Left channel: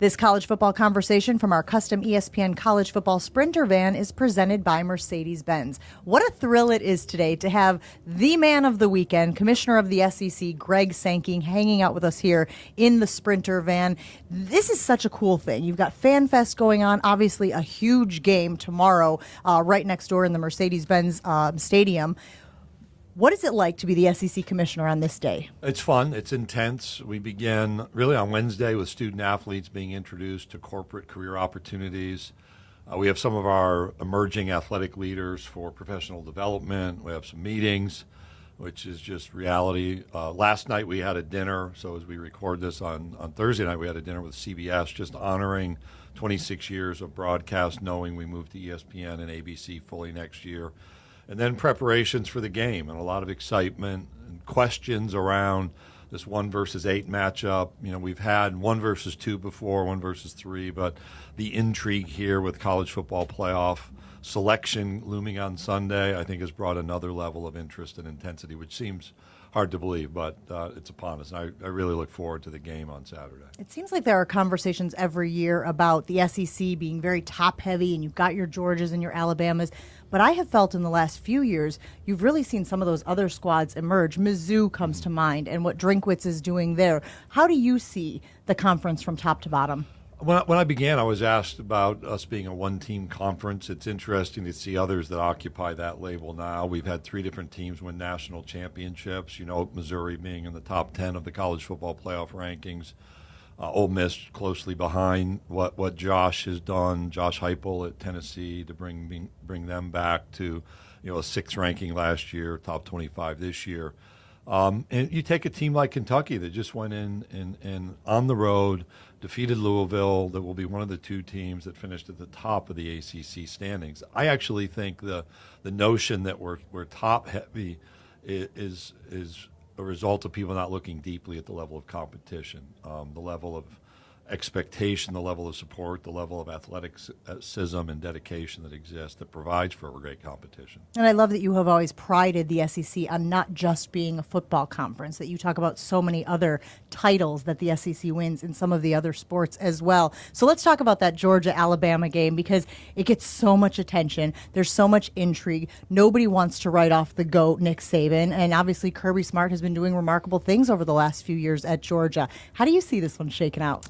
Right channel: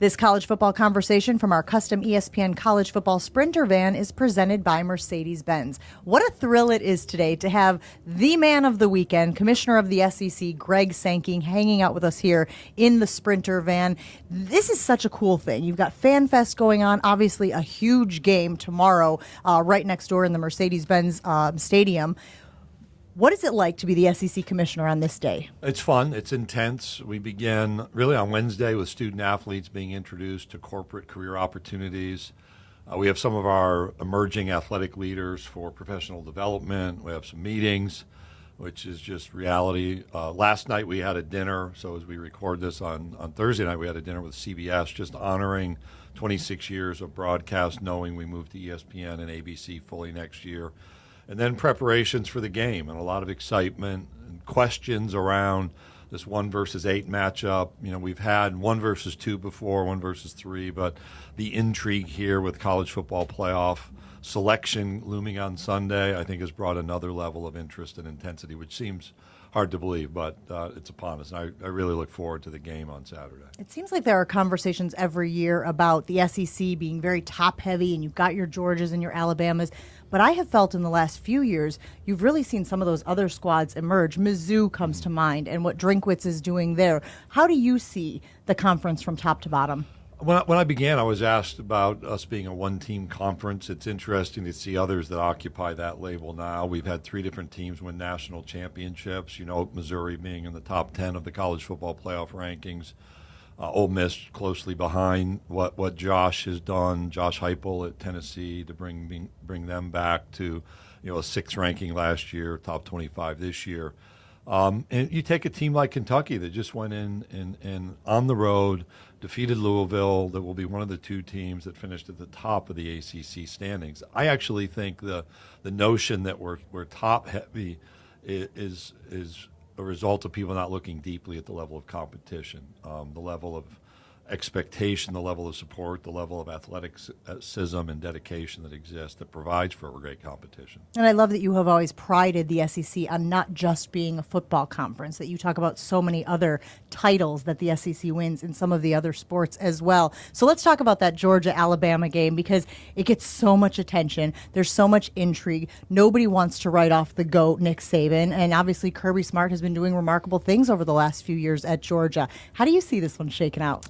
This college football conversation from our custom ESPN college football Sprinter van is presented by Mercedes-Benz. What a thrill it is today to have the man of the weekend, Commissioner of the SEC, Greg Sankey, hanging out with us here in the Sprinter van. This is such a cool thing. You've got FanFest going on, obviously a huge game tomorrow right next door in the Mercedes-Benz Stadium. What is it like to be the SEC commissioner on this day? It's fun. It's intense. We begin really on Wednesday with student athletes being introduced to corporate career opportunities. We have some of our emerging athletic leaders for professional development. We have some meetings, which is just reality. Last night we had a dinner. So as we record this on Thursday night, we had a dinner with CBS just honoring 26 years of broadcast, knowing we move to ESPN and ABC fully next year. And then preparations for the game and a lot of excitement and questions around this 1 versus 8 matchup. You know, we've had 1 versus 2 before, 1 versus 3, but the intrigue here with college football playoff selection looming on Sunday, I think has brought another level of interest and intensity, which seems hard to believe, but it's upon us. I really look forward to the game on Saturday. It seems like there are conversations every year about the SEC being very top-heavy, and you've got your Georgias and your Alabamas. But I have felt in the last few years, you've really seen some of those other squads emerge. Mizzou comes to mind, and what Drinkwitz is doing there. How do you see the conference from top to bottom? When I began, I was asked about us being a one-team conference. It's interesting to see others that occupy that label now. We've had 3 different teams win national championships. You know, Missouri being in the top 10 of the college football playoff rankings. Ole Miss closely behind what Josh has done, Josh Heupel at Tennessee, to bring them back to, you know, a 6th ranking last year, top 25 this year. And you take a team like Kentucky that just went in on the road, defeated Louisville, that will be one of the 2 teams that finished at the top of the ACC standings. I actually think the notion that we're top heavy is a result of people not looking deeply at the level of competition, the level of expectation, the level of support, the level of athleticism and dedication that exists that provides for a great competition. And I love that you have always prided the SEC on not just being a football conference, that you talk about so many other titles that the SEC wins in some of the other sports as well. So let's talk about that Georgia-Alabama game, because it gets so much attention. There's so much intrigue. Nobody wants to write off the GOAT, Nick Saban, and obviously Kirby Smart has been doing remarkable things over the last few years at Georgia. How do you see this one shaking out?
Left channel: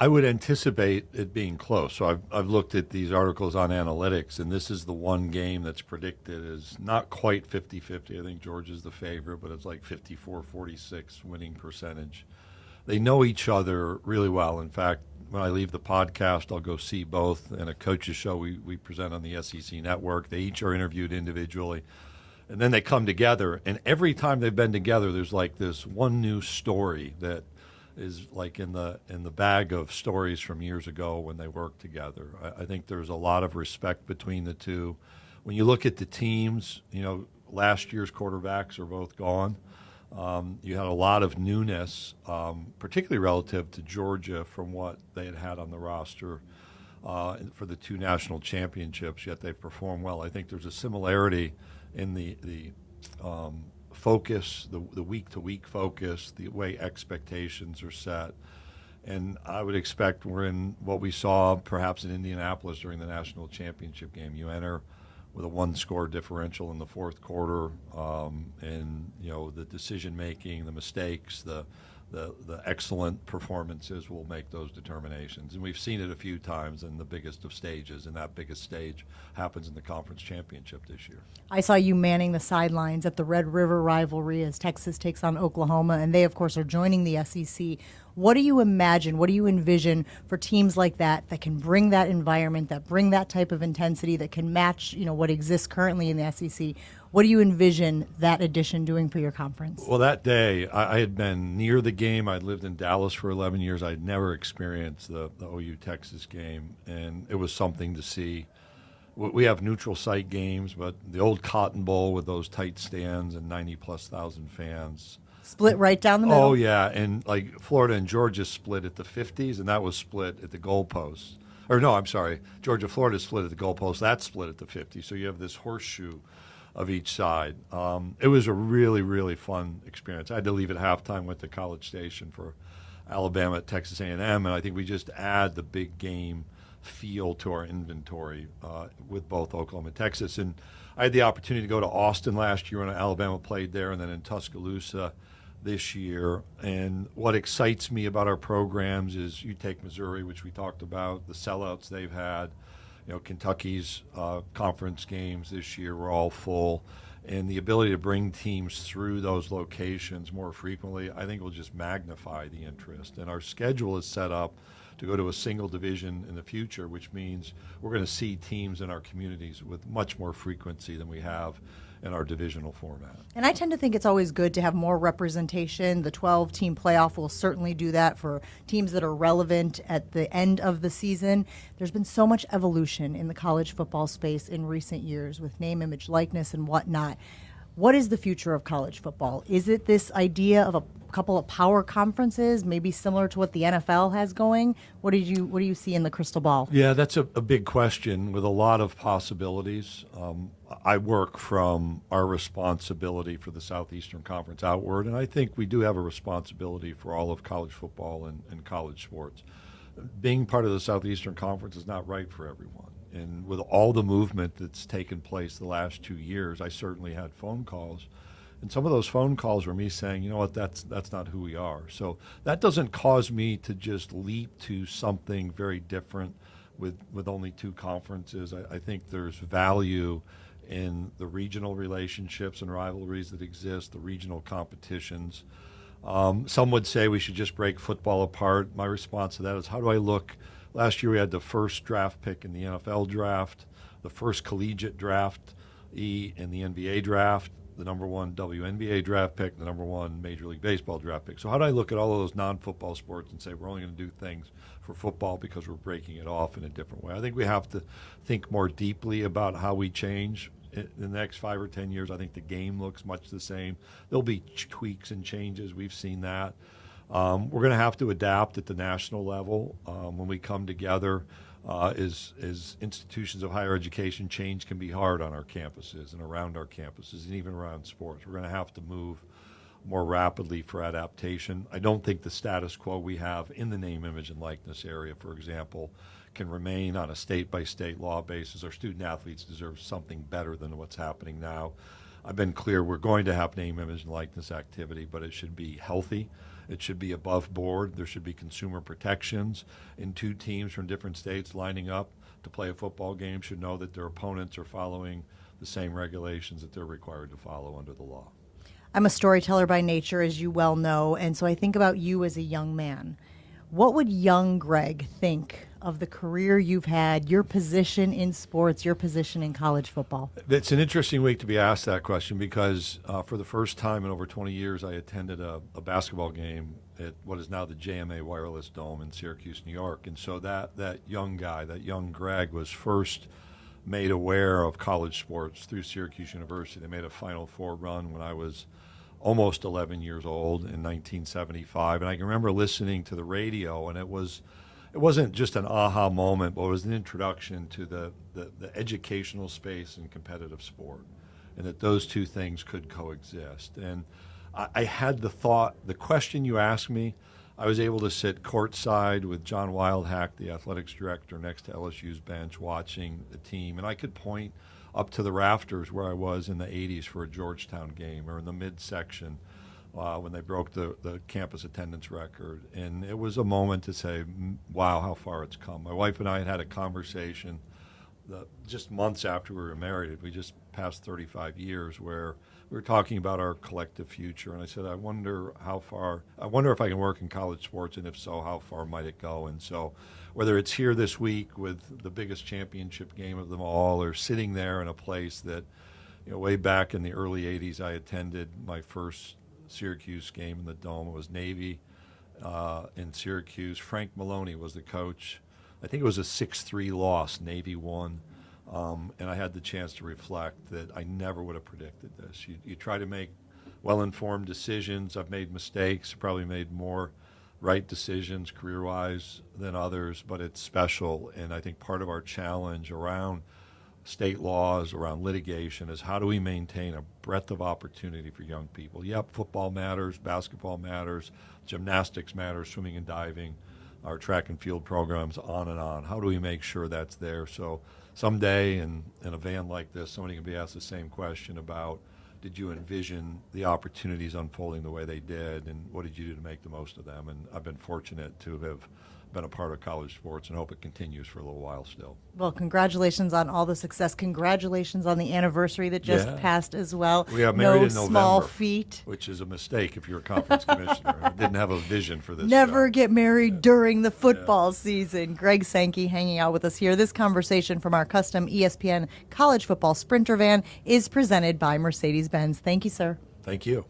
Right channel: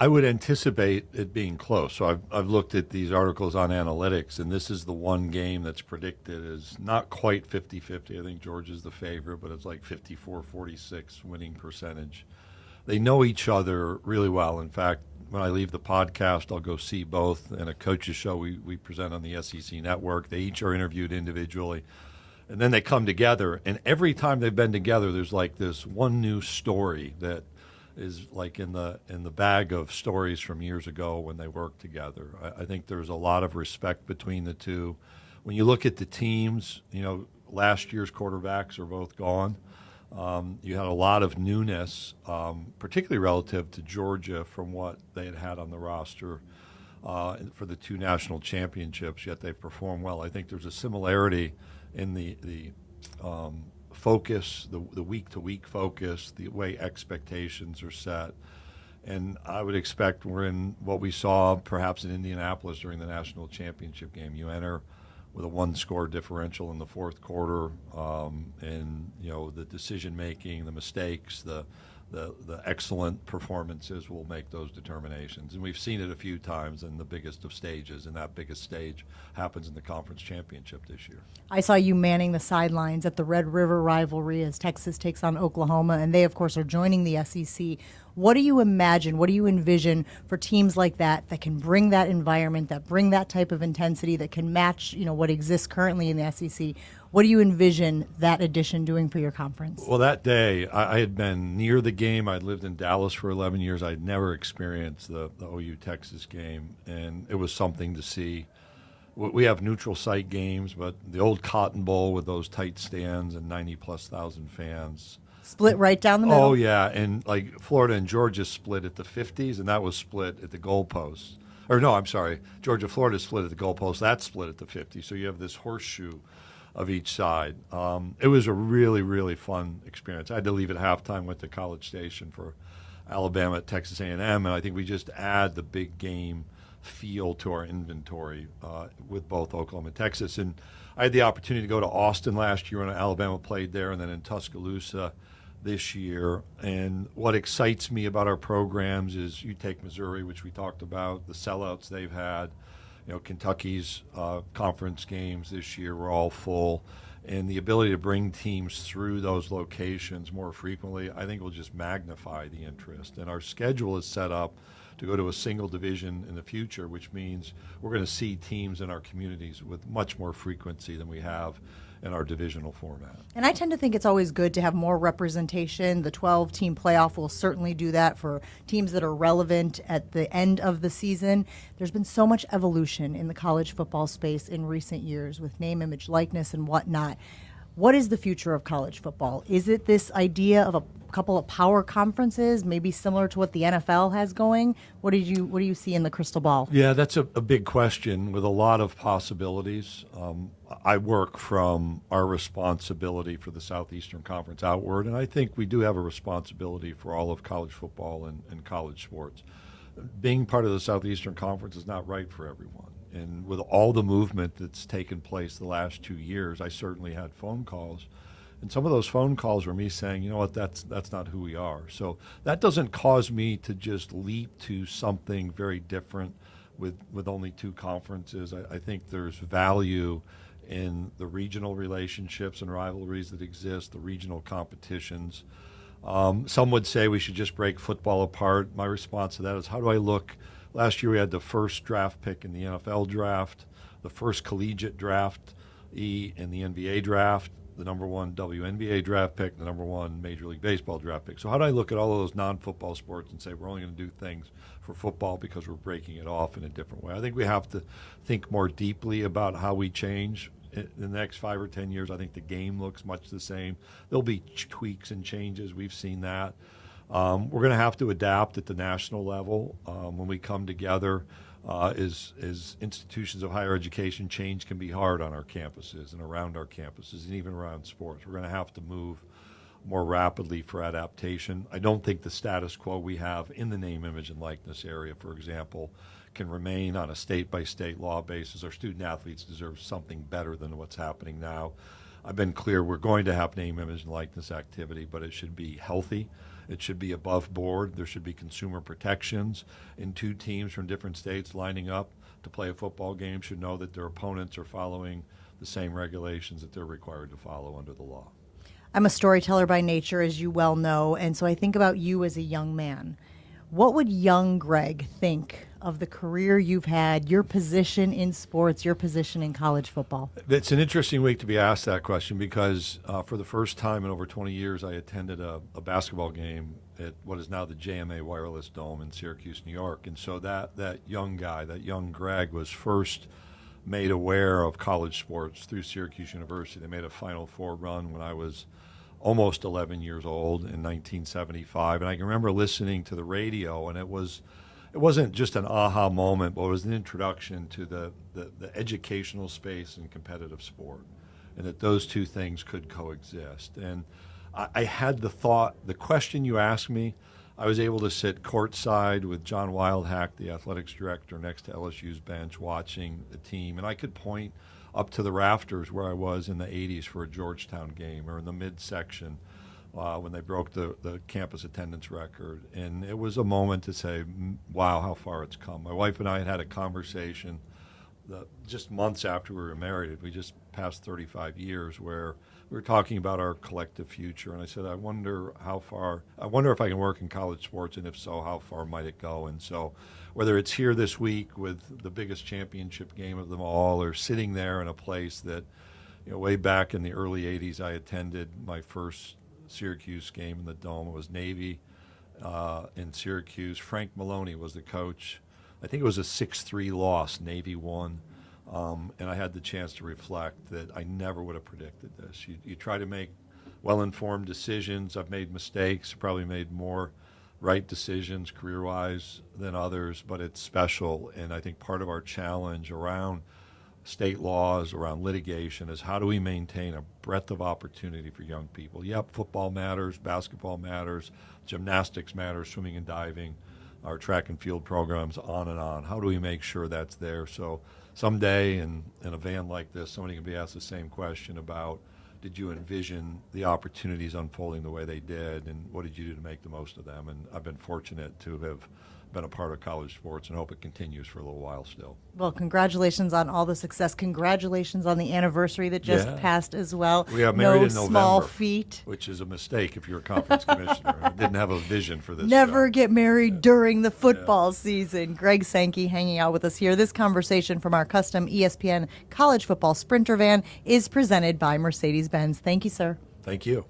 I would anticipate it being close. So I've looked at these articles on analytics, and this is the one game that's predicted as not quite 50-50. I think Georgia's the favorite, but it's like 54-46 winning percentage. They know each other really well. In fact, when I leave the podcast, I'll go see both in a coach's show we present on the SEC Network. They each are interviewed individually, and then they come together. And every time they've been together, there's like this one new story that is like in the bag of stories from years ago when they worked together. I think there's a lot of respect between the two. When you look at the teams, you know, last year's quarterbacks are both gone. You had a lot of newness, particularly relative to Georgia from what they had on the roster for the 2 national championships, yet they've performed well. I think there's a similarity in the focus, the week-to-week focus, the way expectations are set. And I would expect we're in what we saw perhaps in Indianapolis during the national championship game. You enter with a 1-score differential in the 4th quarter, and, you know, the decision-making, the mistakes, the excellent performances will make those determinations. And we've seen it a few times in the biggest of stages, and that biggest stage happens in the conference championship this year. I saw you manning the sidelines at the Red River rivalry as Texas takes on Oklahoma, and they, of course, are joining the SEC. What do you imagine, what do you envision for teams like that can bring that environment, that bring that type of intensity, that can match, you know, what exists currently in the SEC? What do you envision that addition doing for your conference? Well, that day, I had been near the game. I'd lived in Dallas for 11 years. I'd never experienced the OU-Texas game, and it was something to see. We have neutral site games, but the old Cotton Bowl with those tight stands and 90-plus thousand fans. Split right down the middle? Oh, yeah, and like Florida and Georgia split at the 50s, and that was split at the goalposts. Or no, I'm sorry, Georgia-Florida split at the goalposts. That split at the 50s, so you have this horseshoe of each side. It was a really, really fun experience. I had to leave at halftime, went to College Station for Alabama at Texas A&M, and I think we just add the big game feel to our inventory with both Oklahoma and Texas. And I had the opportunity to go to Austin last year when Alabama played there, and then in Tuscaloosa this year. And what excites me about our programs is you take Missouri, which we talked about, the sellouts they've had. Kentucky's conference games this year were all full. And the ability to bring teams through those locations more frequently, I think will just magnify the interest. And our schedule is set up to go to a single division in the future, which means we're going to see teams in our communities with much more frequency than we have in our divisional format. And I tend to think it's always good to have more representation. The 12-team playoff will certainly do that for teams that are relevant at the end of the season. There's been so much evolution in the college football space in recent years with name, image, likeness, and whatnot. What is the future of college football? Is it this idea of a couple of power conferences, maybe similar to what the NFL has going? What do you see in the crystal ball? Yeah, that's a big question with a lot of possibilities. I work from our responsibility for the Southeastern Conference outward, and I think we do have a responsibility for all of college football and college sports. Being part of the Southeastern Conference is not right for everyone. And with all the movement that's taken place the last 2 years, I certainly had phone calls. And some of those phone calls were me saying, you know what, that's not who we are. So that doesn't cause me to just leap to something very different with only 2 conferences. I think there's value in the regional relationships and rivalries that exist, the regional competitions. Some would say we should just break football apart. My response to that is, how do I look? Last year we had the first draft pick in the NFL draft, the first collegiate draft in the NBA draft, the number 1 WNBA draft pick, the number 1 Major League Baseball draft pick. So how do I look at all of those non-football sports and say we're only going to do things for football because we're breaking it off in a different way? I think we have to think more deeply about how we change. In the next 5 or 10 years, I think the game looks much the same. There'll be tweaks and changes. We've seen that. We're going to have to adapt at the national level when we come together. As institutions of higher education, change can be hard on our campuses and around our campuses and even around sports. We're going to have to move more rapidly for adaptation. I don't think the status quo we have in the name, image, and likeness area, for example, can remain on a state-by-state law basis. Our student athletes deserve something better than what's happening now. I've been clear we're going to have name, image, and likeness activity, but it should be healthy. It should be above board. There should be consumer protections. And 2 teams from different states lining up to play a football game should know that their opponents are following the same regulations that they're required to follow under the law. I'm a storyteller by nature, as you well know, and so I think about you as a young man. What would young Greg think of the career you've had, your position in sports, your position in college football? It's an interesting week to be asked that question because for the first time in over 20 years, I attended a basketball game at what is now the JMA Wireless Dome in Syracuse, New York. And so that young guy, that young Greg, was first made aware of college sports through Syracuse University. They made a Final Four run when I was almost 11 years old in 1975. And I can remember listening to the radio, and it wasn't just an aha moment, but it was an introduction to the educational space and competitive sport, and that those 2 things could coexist. And I had the question you asked me, I was able to sit courtside with John Wildhack, the athletics director, next to LSU's bench watching the team, and I could point up to the rafters where I was in the 80s for a Georgetown game, or in the midsection when they broke the campus attendance record. And it was a moment to say, wow, how far it's come. My wife and I had a conversation just months after we were married. We just passed 35 years where we were talking about our collective future. And I said, I wonder if I can work in college sports, and if so, how far might it go? And so whether it's here this week with the biggest championship game of them all, or sitting there in a place that, way back in the early 80s, I attended my first Syracuse game in the Dome. It was Navy in Syracuse. Frank Maloney was the coach. I think it was a 6-3 loss. Navy won. And I had the chance to reflect that I never would have predicted this. You try to make well-informed decisions. I've made mistakes, probably made more right decisions career-wise than others, but it's special. And I think part of our challenge around state laws, around litigation, is how do we maintain a breadth of opportunity for young people? Yep, football matters, basketball matters, gymnastics matters, swimming and diving, our track and field programs, on and on. How do we make sure that's there? So someday in a van like this, somebody can be asked the same question about, did you envision the opportunities unfolding the way they did, and what did you do to make the most of them? And I've been fortunate to have been a part of college sports and hope it continues for a little while still. Well, congratulations on all the success. Congratulations on the anniversary that just passed as well. We got married in November, small feat. Which is a mistake if you're a conference commissioner. I didn't have a vision for this. Never get married during the football season. Greg Sankey hanging out with us here. This conversation from our custom ESPN college football Sprinter van is presented by Mercedes-Benz. Thank you, sir. Thank you.